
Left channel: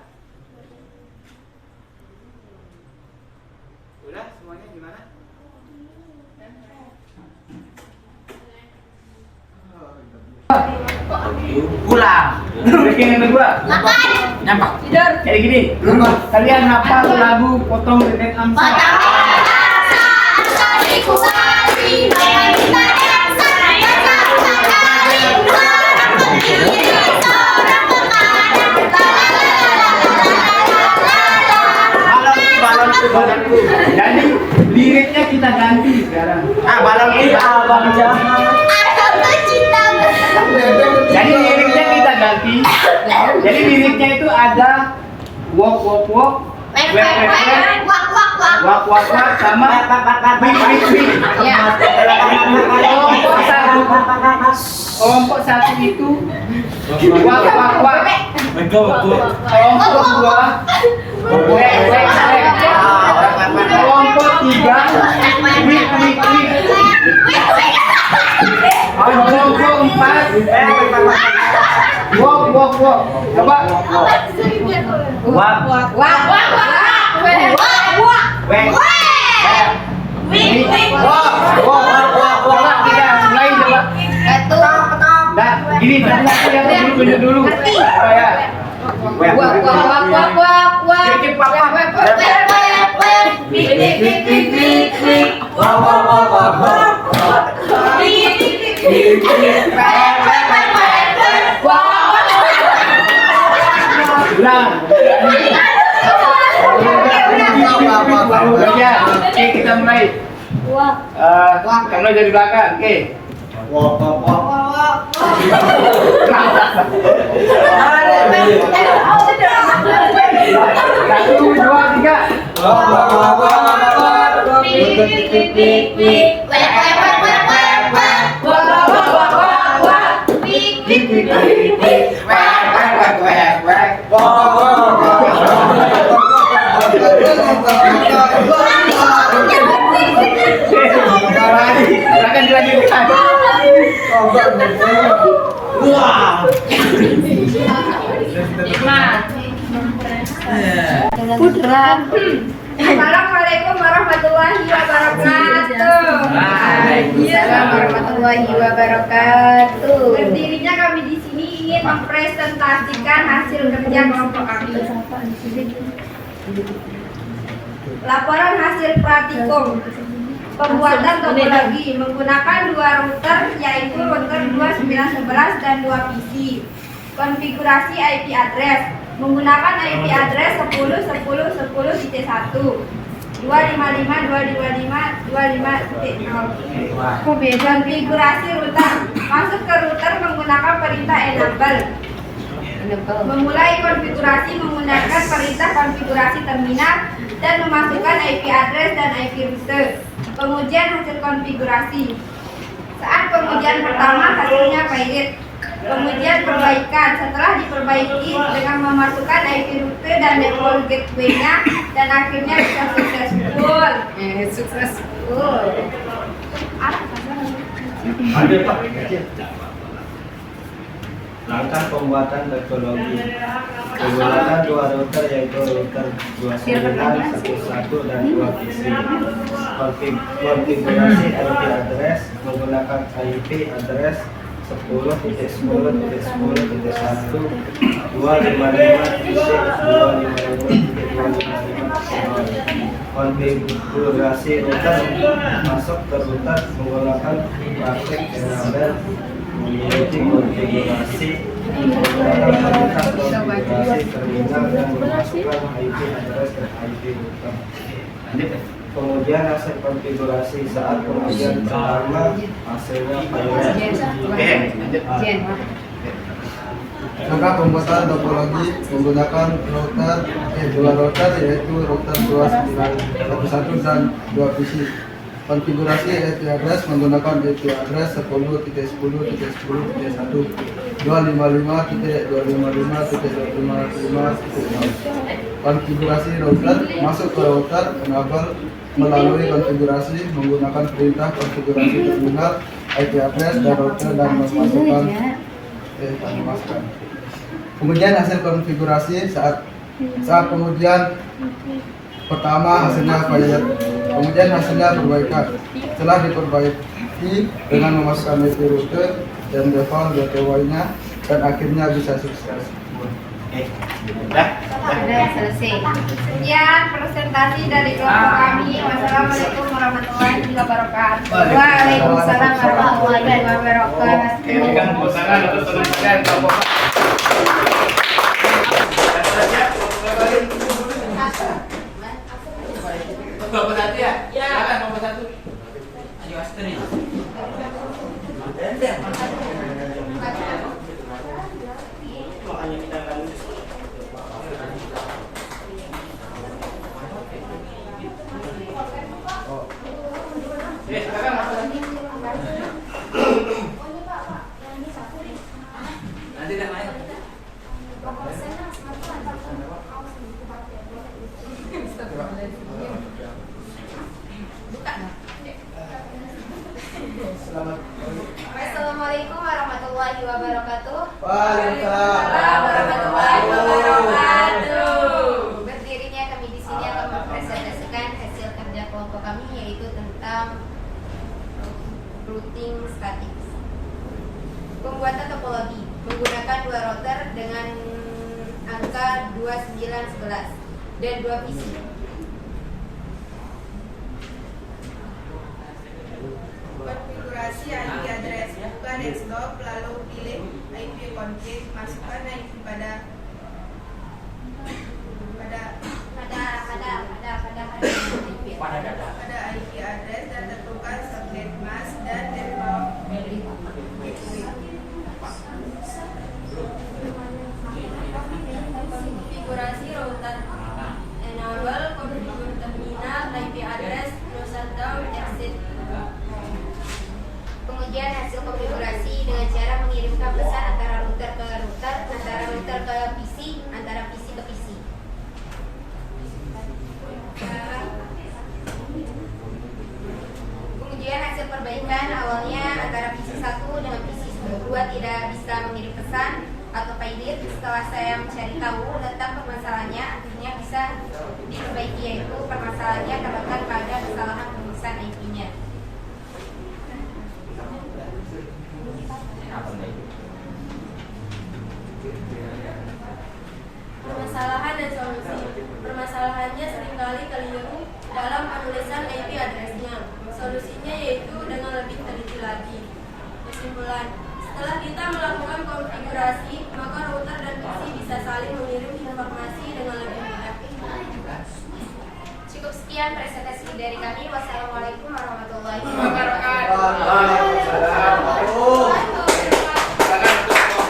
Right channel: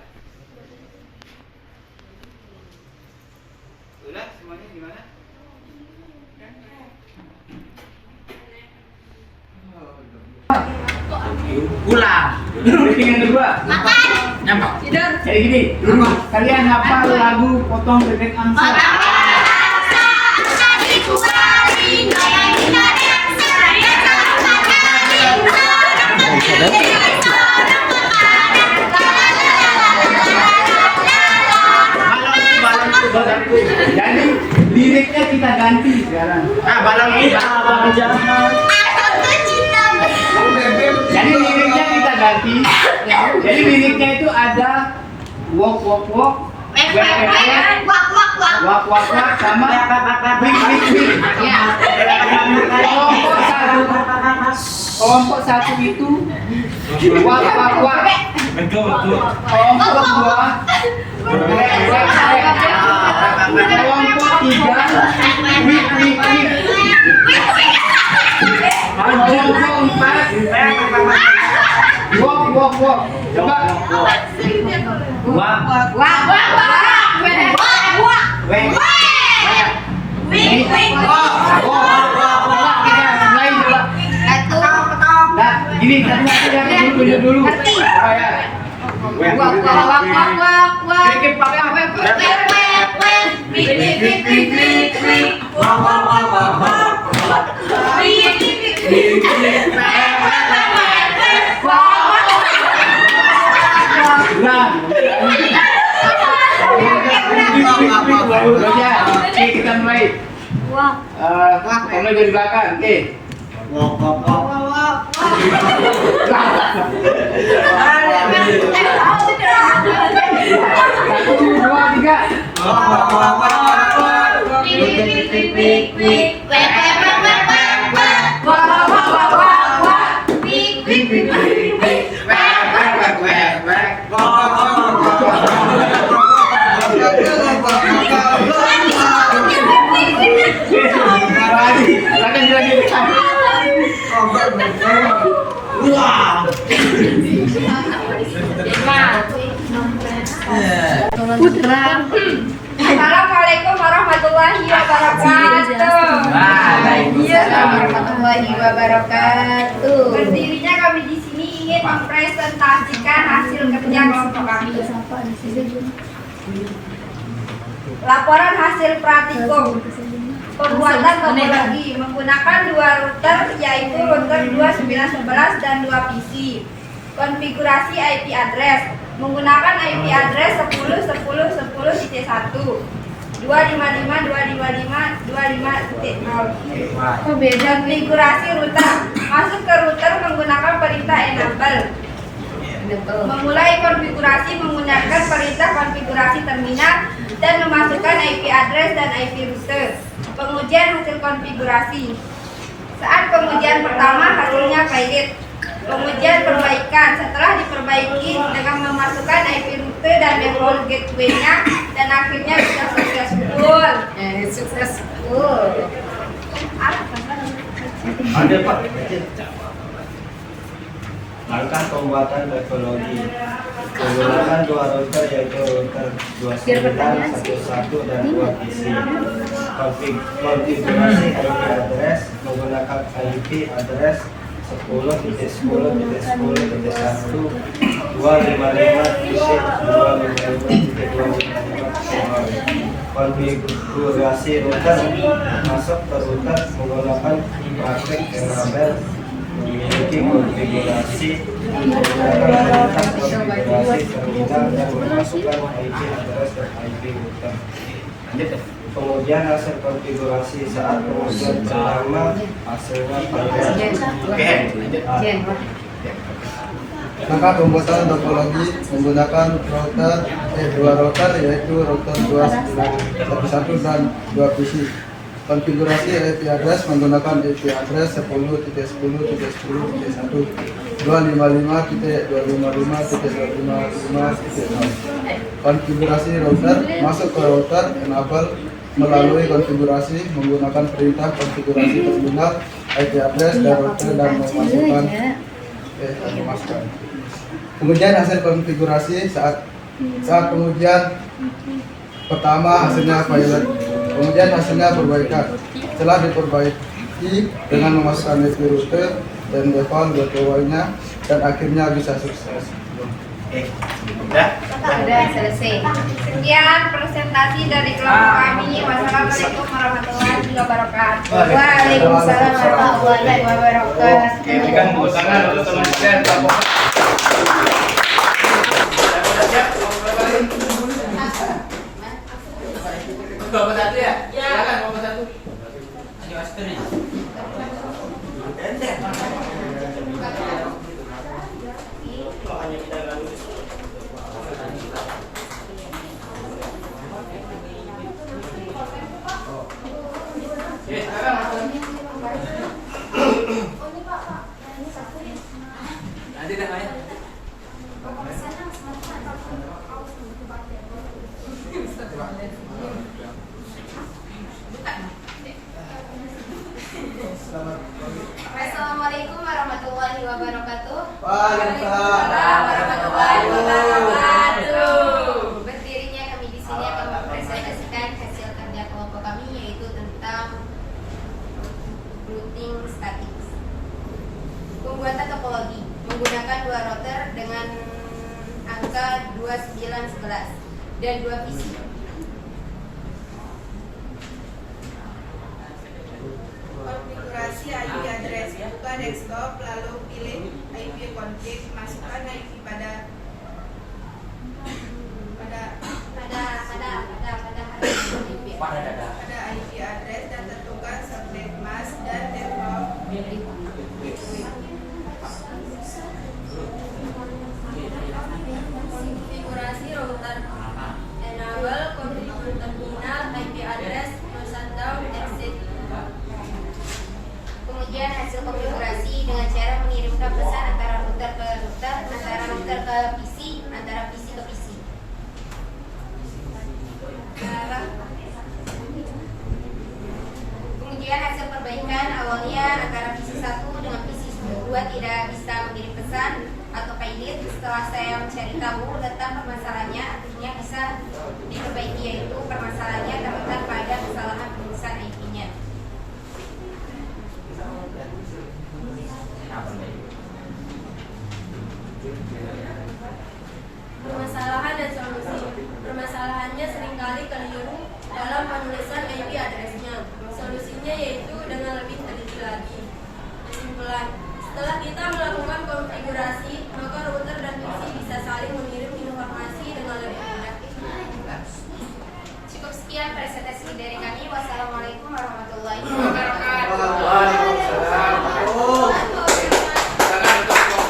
Udah semuanya gimana? Pulang. Briefing yang kedua. Nyampak. Tidur. Jadi gini, kalian hafal lagu Potong Bebek Angsa. Balonku. Jadi liriknya kita ganti sekarang. Balonku. Abang jahat. Aku tuh cinta. Jadi liriknya kita ganti. Jadi liriknya itu ada walk walk walk, wek wek wek, walk walk walk sama wik wik wik. Kelompok satu itu walk walk walk. Kelompok dua wek wek wek. Kelompok tiga wik wik wik. Kelompok empat walk walk walk. Coba walk wek wik walk. Coba kita mulai coba. Dah, gini tadi tunjuk dulu. Supaya Oke, kita mulai. Mulai dari belakang. Oke. Satu, dua, tiga. Silakan dilanjutkan. Putra. Assalamualaikum warahmatullahi wabarakatuh. Waalaikumsalam warahmatullahi wabarakatuh. Berdirinya kami di sini ingin mempresentasikan hasil kerja kelompok kami. Laporan hasil praktikum pembuatan topologi menggunakan dua router, yaitu router 2911 dan 2 PC. Konfigurasi IP address menggunakan IP address 10.10.10.1 255.255.250. Konfigurasi router masuk ke router menggunakan perintah enable. Memulai konfigurasi menggunakan perintah konfigurasi terminal dan memasukkan IP address dan IP router. Pengujian hasil konfigurasi. Saat pengujian pertama hasilnya valid. Pengujian perbaikan setelah diperbaiki dengan memasukkan IP router dan default gateway-nya dan akhirnya bisa successful. Ada Pak. Langkah pembuatan topologi menggunakan dua router yaitu router 2911 dan 2 PC. Konfigurasi IP address menggunakan IP address 10.10.10.1 255.255.255. Konfigurasi router masuk ke router menggunakan praktek enable. Memiliki konfigurasi menggunakan perintah konfigurasi terminal dan memasukkan IP address dan IP router. Pengujian hasil konfigurasi. Saat pengujian pertama hasilnya valid. Oke, lanjut. Langkah pembuatan topologi menggunakan dua router yaitu router 2911 dan 2 PC. Konfigurasi IP address menggunakan IP address 10.10.10.1 255.255.255.0. Konfigurasi router masuk ke router enable melalui konfigurasi menggunakan perintah konfigurasi terminal IP address dan router dan memasukkan Pengujian hasil konfigurasi. Saat pengujian pertama hasilnya valid. Pengujian hasilnya perbaikan. Setelah diperbaiki dengan memasukkan IP router dan default gateway-nya dan akhirnya bisa sukses. Udah selesai. Sekian presentasi dari kelompok kami. Wassalamualaikum warahmatullahi wabarakatuh. Waalaikumsalam warahmatullahi wabarakatuh. Berikan tepuk tangan untuk teman sekalian kelompok. Kelompok satu ya? Silakan kelompok satu. Ayo Astri. Sekarang masuk lagi. Nanti dah main. Assalamualaikum warahmatullahi wabarakatuh. Waalaikumsalam warahmatullahi wabarakatuh. Berdirinya kami di sini akan mempresentasikan hasil kerja kelompok kami, yaitu tentang routing statik. Pembuatan topologi menggunakan 2 router dengan angka 2911 dan 2 PC. Konfigurasi IP address, buka desktop, lalu pilih IP config, masukkan IP pada IP address dan tentukan subnet mask dan default. Konfigurasi router enable configure terminal IP address shutdown exit. Pengujian hasil konfigurasi dengan cara mengirimkan pesan antara router ke router, antara router ke PC, antara PC ke PC. Pengujian hasil perbaikan awalnya antara PC 1 dengan PC 2 tidak bisa mengirim pesan atau failit. Setelah saya mencari tahu tentang permasalahannya, akhirnya bisa diperbaiki, yaitu permasalahannya terletak pada kesalahan penulisan IP-nya. Permasalahan dan solusi. Permasalahannya seringkali keliru dalam penulisan IP address-nya. Solusinya yaitu dengan lebih teliti lagi. Kesimpulan, setelah kita melakukan konfigurasi, maka router dan PC bisa saling mengirim informasi dengan lebih mudah. Cukup sekian presentasi dari kami. Wassalamualaikum warahmatullahi wabarakatuh. Assalamualaikum warahmatullahi wabarakatuh.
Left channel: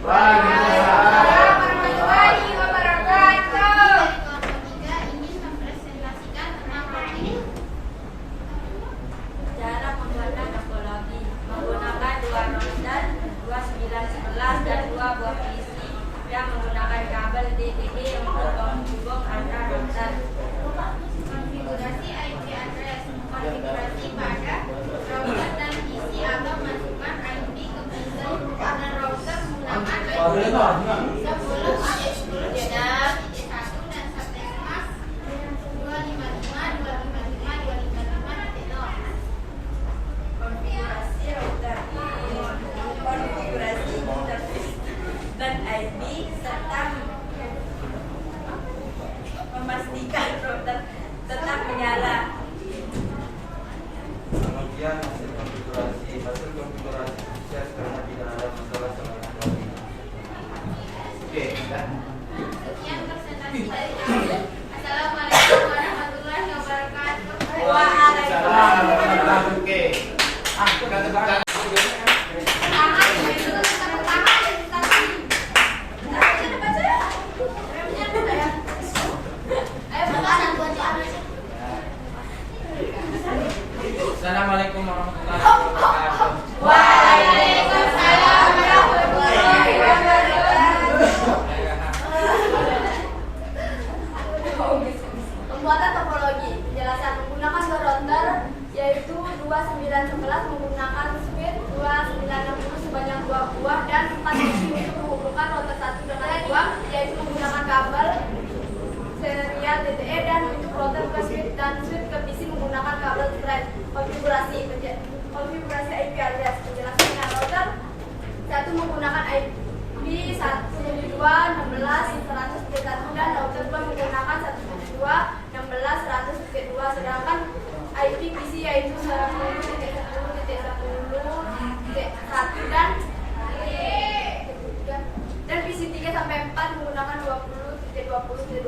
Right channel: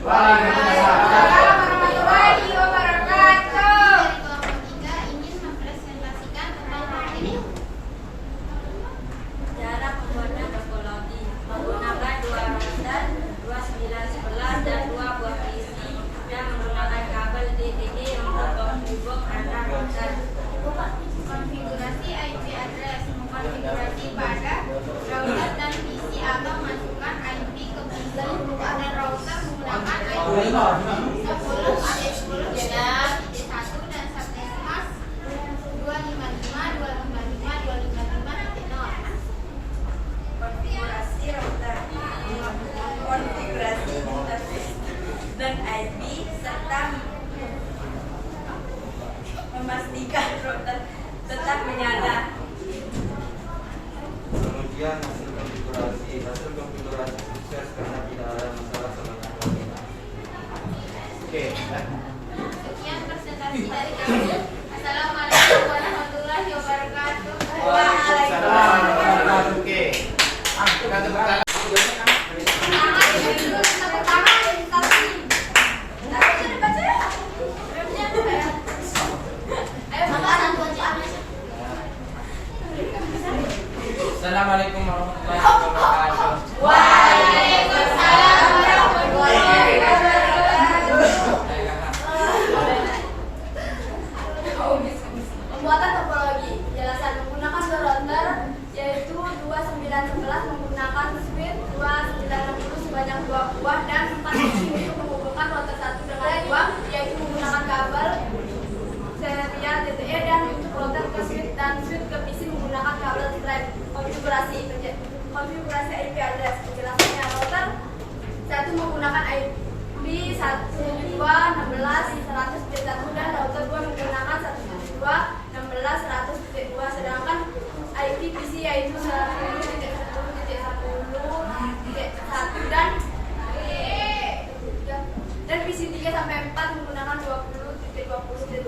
Warahmatullahi wabarakatuh. Kelompok 3 ingin mempresentasikan tentang routing. Cara pembuatan topologi menggunakan 2 router 2911 dan 2 buah PC yang menggunakan kabel DTD untuk menghubung antar router. Konfigurasi IP address, konfigurasi pada router dan PC atau masukkan IP ke PC pada router menggunakan IP sebelum ada 10 dan titik 1 dan subnet mask 255.255.255.0. Konfigurasi router, konfigurasi interface dan IP serta memastikan router tetap menyala. Kemudian hasil konfigurasi sukses karena tidak ada masalah selama routing. Oke. Sekian presentasi dari kami. Assalamualaikum warahmatullahi wabarakatuh. Waalaikumsalam. Oke. Kita tepuk tangan. Assalamualaikum warahmatullahi wabarakatuh. Waalaikumsalam warahmatullahi wabarakatuh. Pembuatan topologi. Penjelasan menggunakan 2 router yaitu 2911 menggunakan switch 2960 sebanyak 2 buah dan 4 switch untuk menghubungkan router 1 dengan 2 yaitu menggunakan kabel serial DTE dan untuk router ke switch dan switch ke PC menggunakan kabel thread. Konfigurasi IP address. Penjelasannya router 1 menggunakan IP 172.16.100.1 dan router 2 menggunakan 172.16.100.2 sedangkan IP PC yaitu 10.10.10.1 dan PP4 menggunakan 20.20.20.1.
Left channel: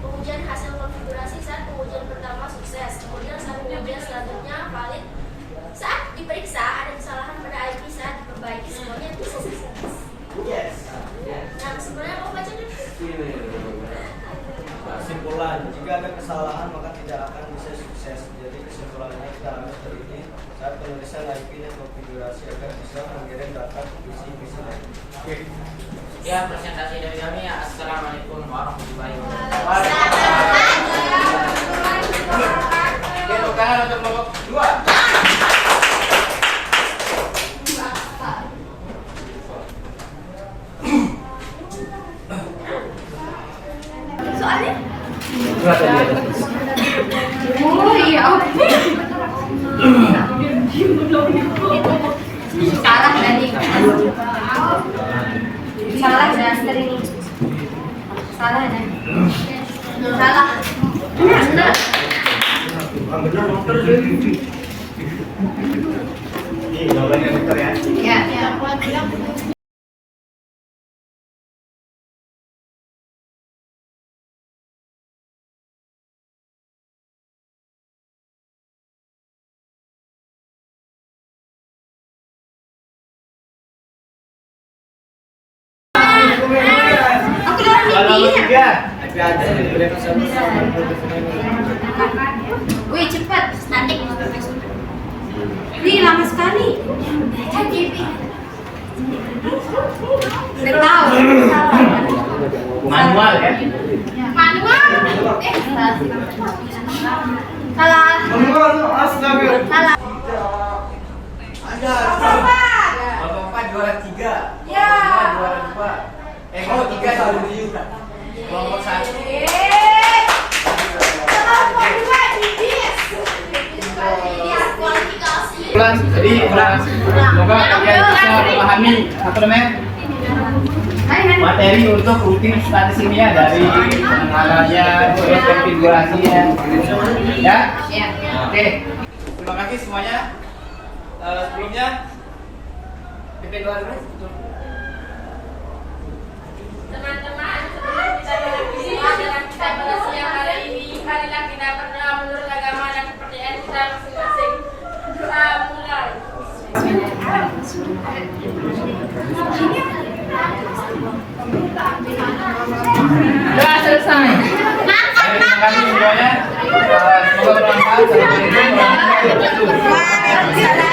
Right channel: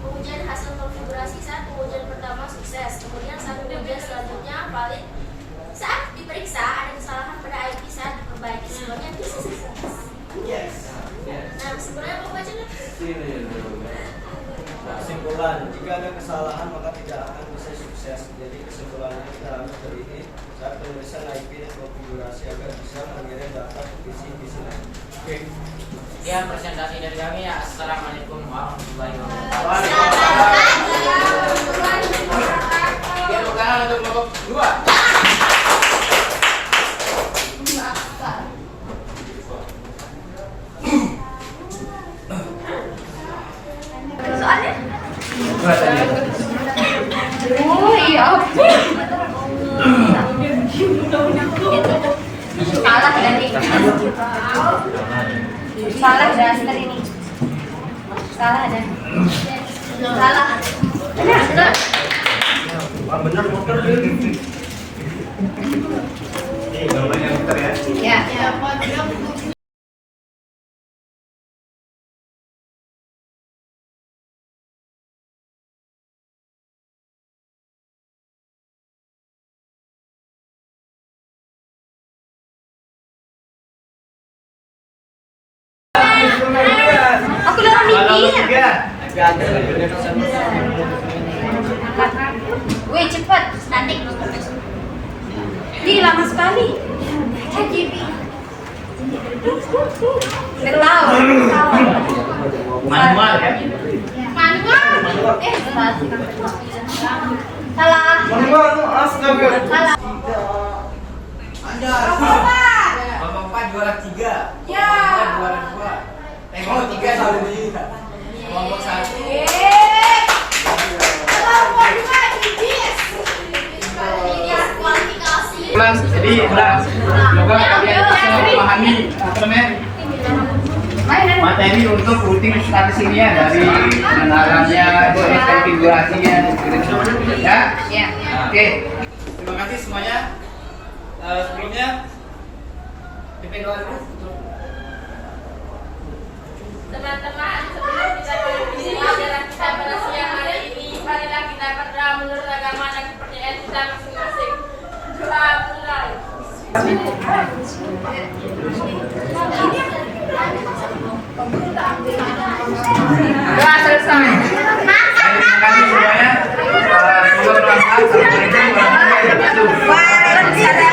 Pengujian hasil konfigurasi saat pengujian pertama sukses. Kemudian saat pengujian selanjutnya valid. Saat diperiksa ada kesalahan pada IP saat diperbaiki. Semuanya itu sukses. Yes. Nah, kesimpulannya mau baca nih? Kesimpulan, jika ada kesalahan maka tidak akan bisa sukses. Jadi kesimpulannya kita ambil dari ini saat penulisan IP dan konfigurasi agar bisa mengirim data ke PC lain. Oke. Sekian presentasi dari kami. Assalamualaikum warahmatullahi wabarakatuh. Oke, tepuk tangan untuk kelompok 2. Soalnya? Oh iya. Salah tadi. Salah daster ini. Salah dan. Salah. Benar. Benar dokter. Ini nomornya dokter ya. Ya. Aku udah mikir. Wih, cepet. Statik. Ih, lama sekali. Nggak tahu. Manual ya. Manual. Salah. Salah. Anda. Kelompok 4 juara 3. Ya. Juara 2. Kelompok 3 juara 2. Kelompok 1. Ulang, jadi ulang. Semoga kalian bisa memahami apa namanya materi untuk routing statis ini ya, dari pengenalannya, terus konfigurasinya, ya. Ya. Oke, terima kasih semuanya. Sebelumnya pimpin doa dulu. Teman-teman, sebelum kita mengikuti pelajaran kita pada siang hari ini, marilah kita berdoa menurut agama dan kepercayaan kita masing-masing. Doa mulai. Doa selesai. Terima kasih semuanya. Semoga bermanfaat. Assalamualaikum warahmatullahi wabarakatuh. Waalaikumsalam.